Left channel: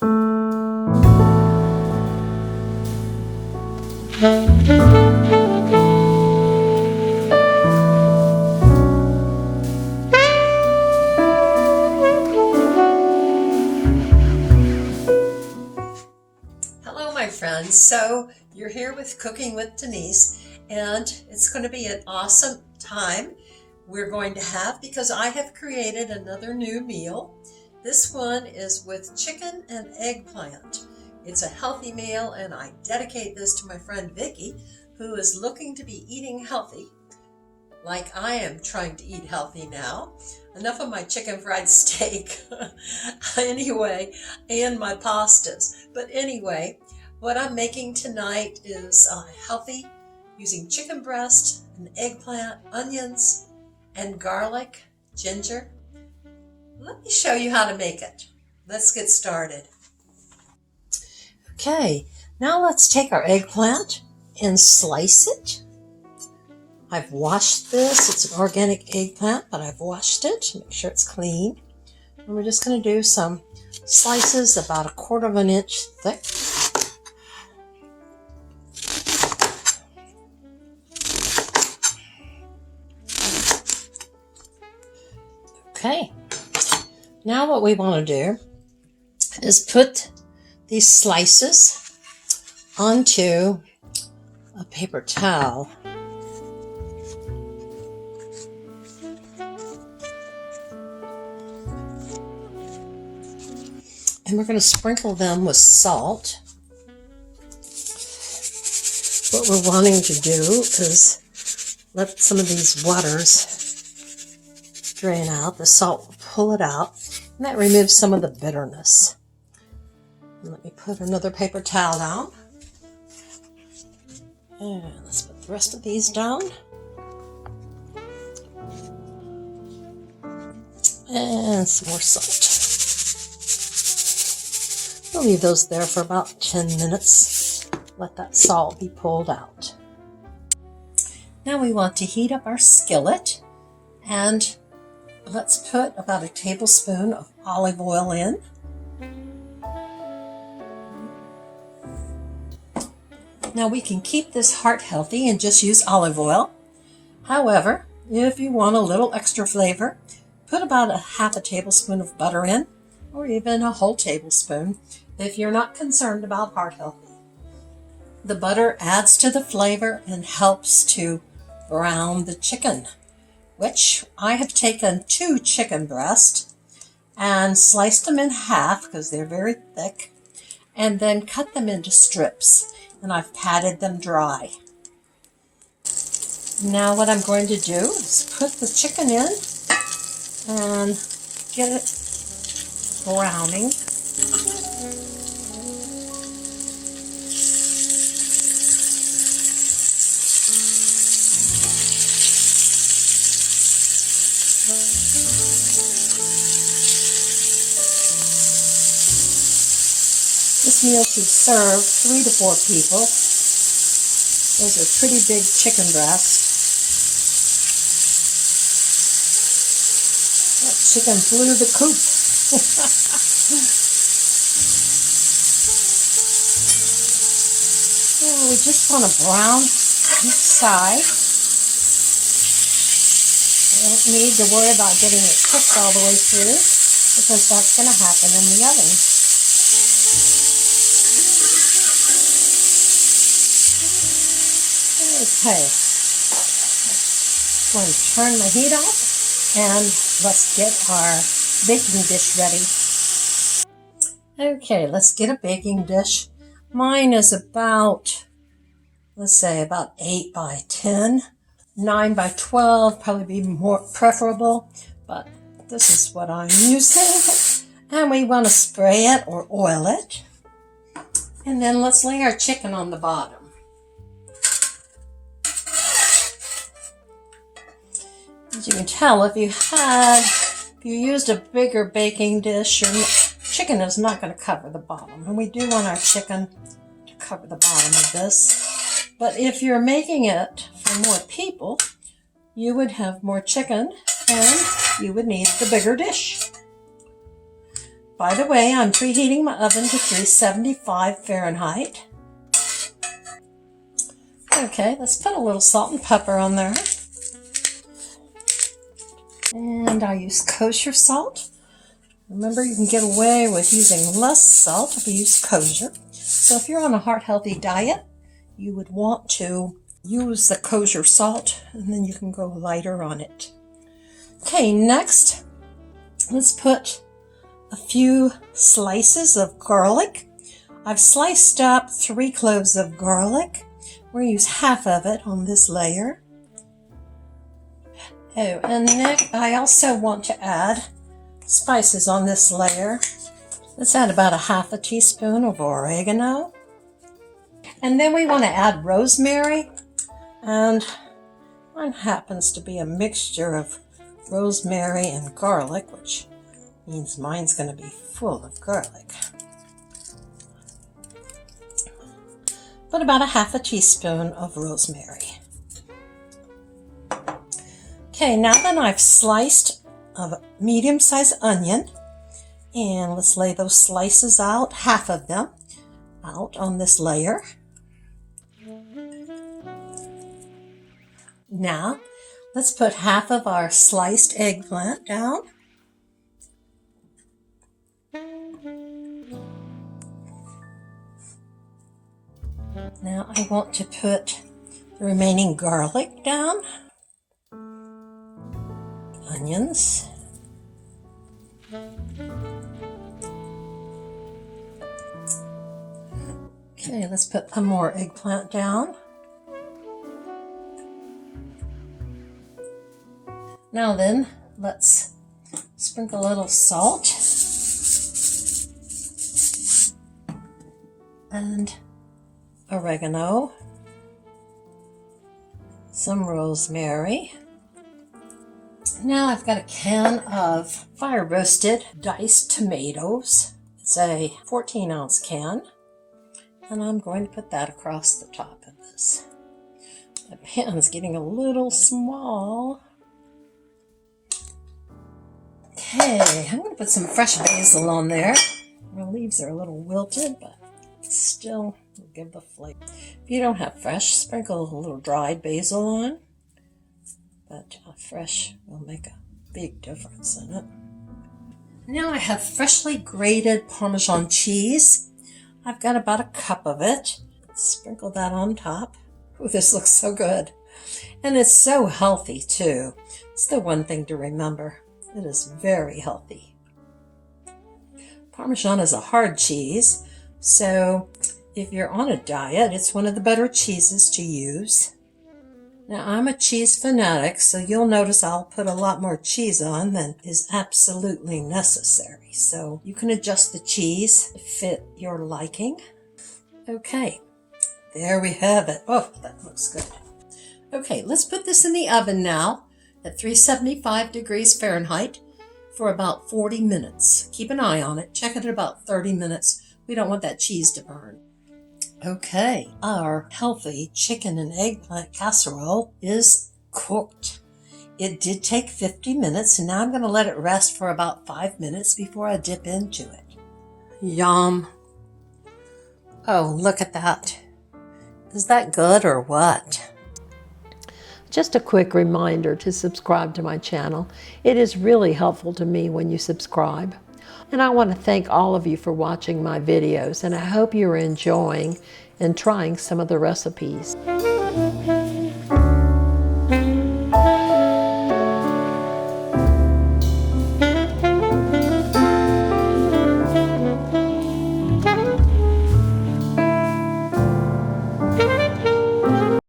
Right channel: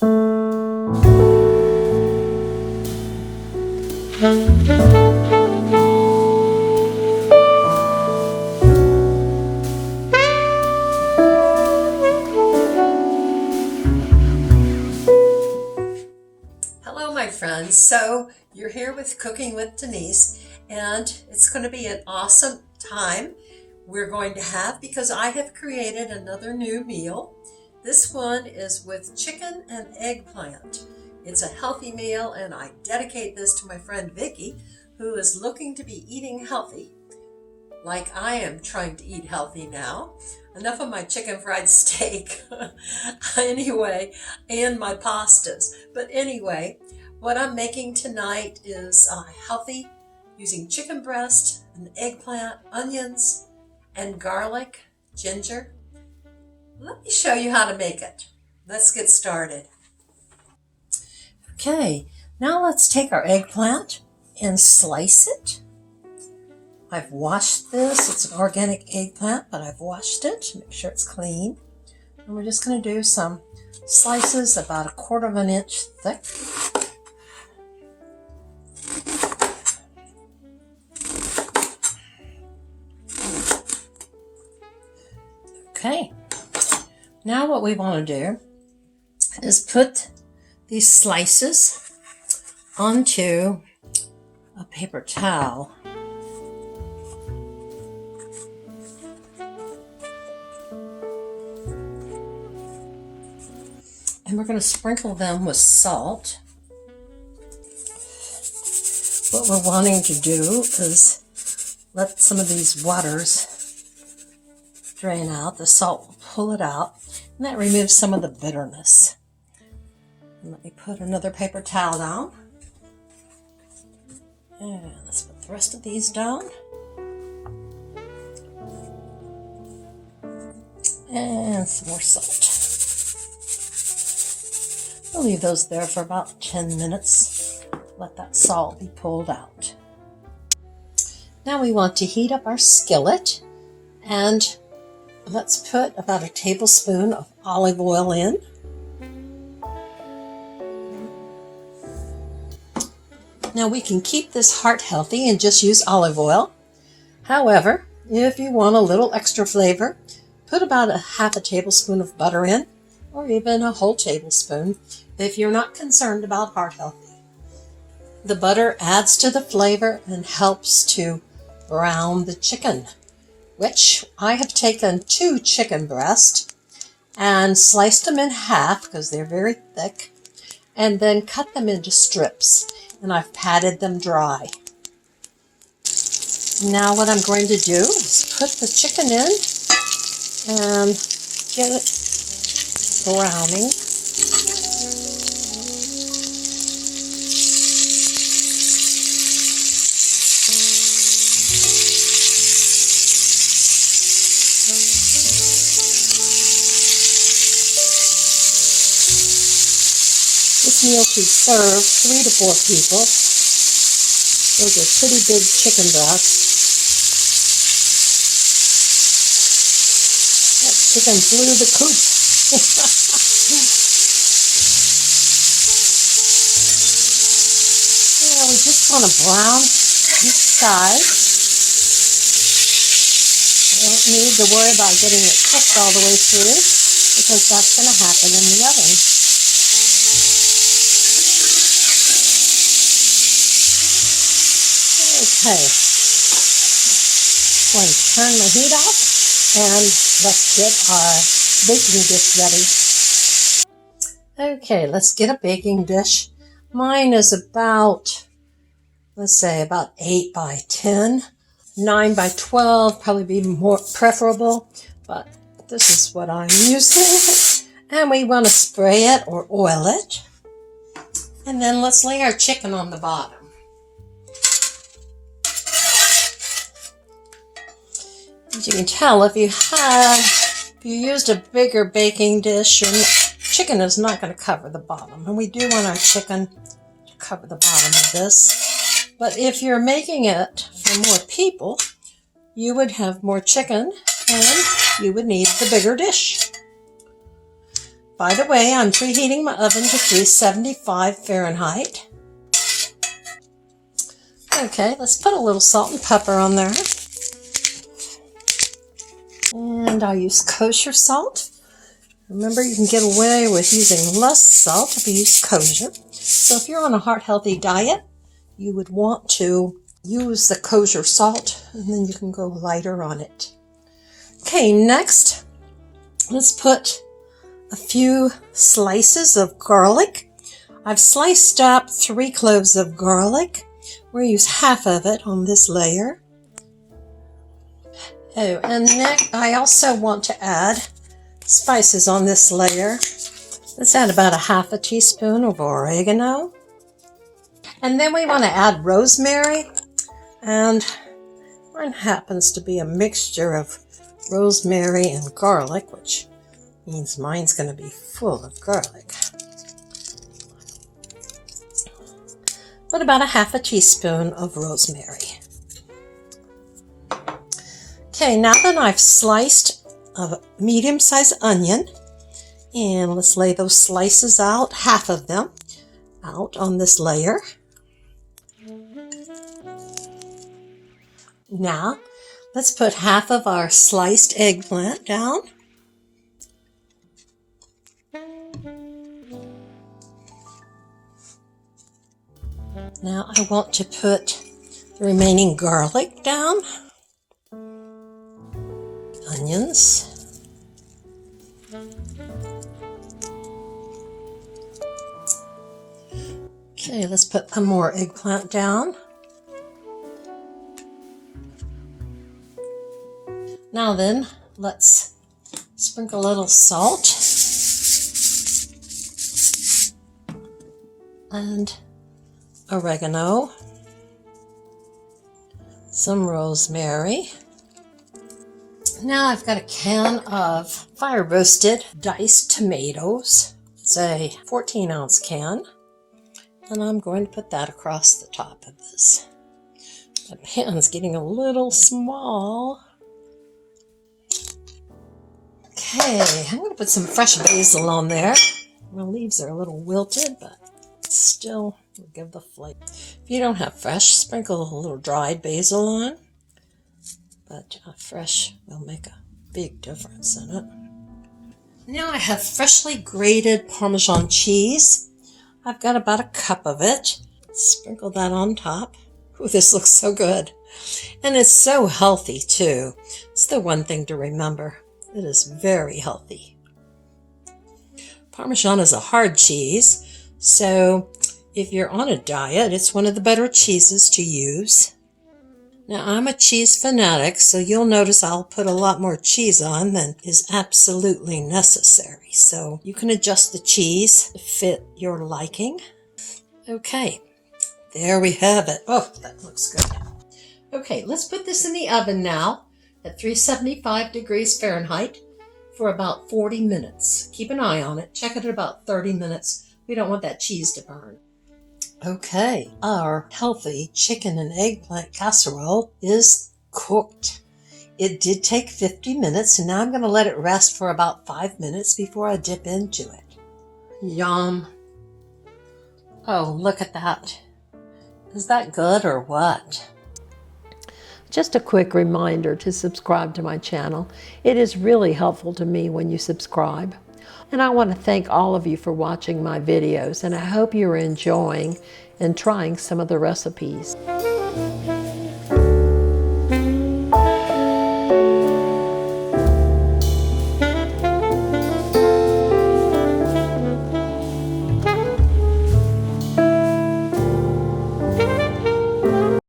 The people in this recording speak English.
Hello, my friends. So you're here with Cooking with Denise, and it's going to be an awesome time we're going to have because I have created another new meal. This one is with chicken and eggplant. It's a healthy meal, and I dedicate this to my friend Vicki, who is looking to be eating healthy, like I am trying to eat healthy now. Enough of my chicken fried steak anyway, and my pastas. But anyway, what I'm making tonight is healthy, using chicken breast, and eggplant, onions, and garlic, ginger. Let me show you how to make it. Let's get started. Okay, now let's take our eggplant and slice it. I've washed this. It's an organic eggplant, but I've washed it to make sure it's clean. And we're just going to do some slices about 1/4 inch thick. Okay, now what we want to do is put these slices onto a paper towel. And we're going to sprinkle them with salt. What we're wanting to do is let some of these waters drain out. The salt will pull it out, and that removes some of the bitterness. And let me put another paper towel down. And let's put the rest of these down. And some more salt. We'll leave those there for about 10 minutes. Let that salt be pulled out. Now we want to heat up our skillet, and let's put about 1 tablespoon of olive oil in. Now we can keep this heart healthy and just use olive oil. However, if you want a little extra flavor, put about 1/2 tablespoon of butter in, or even a whole tablespoon if you're not concerned about heart healthy. The butter adds to the flavor and helps to brown the chicken, which I have taken 2 chicken breasts and sliced them in half because they're very thick, and then cut them into strips, and I've patted them dry. Now what I'm going to do is put the chicken in and get it browning. This meal should serve 3 to 4 people. Those are pretty big chicken breasts. That chicken flew the coop. Well, we just want to brown each side. We don't need to worry about getting it cooked all the way through, because that's going to happen in the oven. Okay, I'm going to turn the heat off, and let's get our baking dish ready. Okay, let's get a baking dish. Mine is about, let's say, about 8 by 10. 9 by 12 probably be more preferable, but this is what I'm using. And we want to spray it or oil it. And then let's lay our chicken on the bottom. As you can tell, if you used a bigger baking dish, your chicken is not going to cover the bottom. And we do want our chicken to cover the bottom of this. But if you're making it for more people, you would have more chicken and you would need the bigger dish. By the way, I'm preheating my oven to 375 Fahrenheit. Okay, let's put a little salt and pepper on there. And I use kosher salt. Remember, you can get away with using less salt if you use kosher. So if you're on a heart-healthy diet, you would want to use the kosher salt, and then you can go lighter on it. Okay, next, let's put a few slices of garlic. I've sliced up 3 cloves of garlic. We'll use half of it on this layer. Oh, and next, I also want to add spices on this layer. Let's add about a half a teaspoon of oregano. And then we want to add rosemary. And mine happens to be a mixture of rosemary and garlic, which means mine's going to be full of garlic. Put about a half a teaspoon of rosemary. Okay, now that I've sliced a medium-sized onion, and let's lay those slices out, half of them, out on this layer. Now, let's put half of our sliced eggplant down. Now I want to put the remaining garlic down. Onions. Okay, let's put some more eggplant down. Now then, let's sprinkle a little salt and oregano, some rosemary. Now I've got a can of fire roasted diced tomatoes. It's a 14-ounce can, and I'm going to put that across the top of this. My pan's getting a little small. Okay, I'm going to put some fresh basil on there. The leaves are a little wilted, but still will give the flavor. If you don't have fresh, sprinkle a little dried basil on, but fresh will make a big difference in it. Now I have freshly grated Parmesan cheese. I've got about a cup of it. Sprinkle that on top. Ooh, this looks so good. And it's so healthy too. It's the one thing to remember. It is very healthy. Parmesan is a hard cheese, so if you're on a diet, it's one of the better cheeses to use. Now, I'm a cheese fanatic, so you'll notice I'll put a lot more cheese on than is absolutely necessary. So you can adjust the cheese to fit your liking. Okay, there we have it. Oh, that looks good. Okay, let's put this in the oven now at 375 degrees Fahrenheit for about 40 minutes. Keep an eye on it. Check it at about 30 minutes. We don't want that cheese to burn. Okay, our healthy chicken and eggplant casserole is cooked. It did take 50 minutes, and now I'm going to let it rest for about 5 minutes before I dip into it. Yum. Oh, look at that. Is that good or what? Just a quick reminder to subscribe to my channel. It is really helpful to me when you subscribe. And I want to thank all of you for watching my videos, and I hope you're enjoying and trying some of the recipes.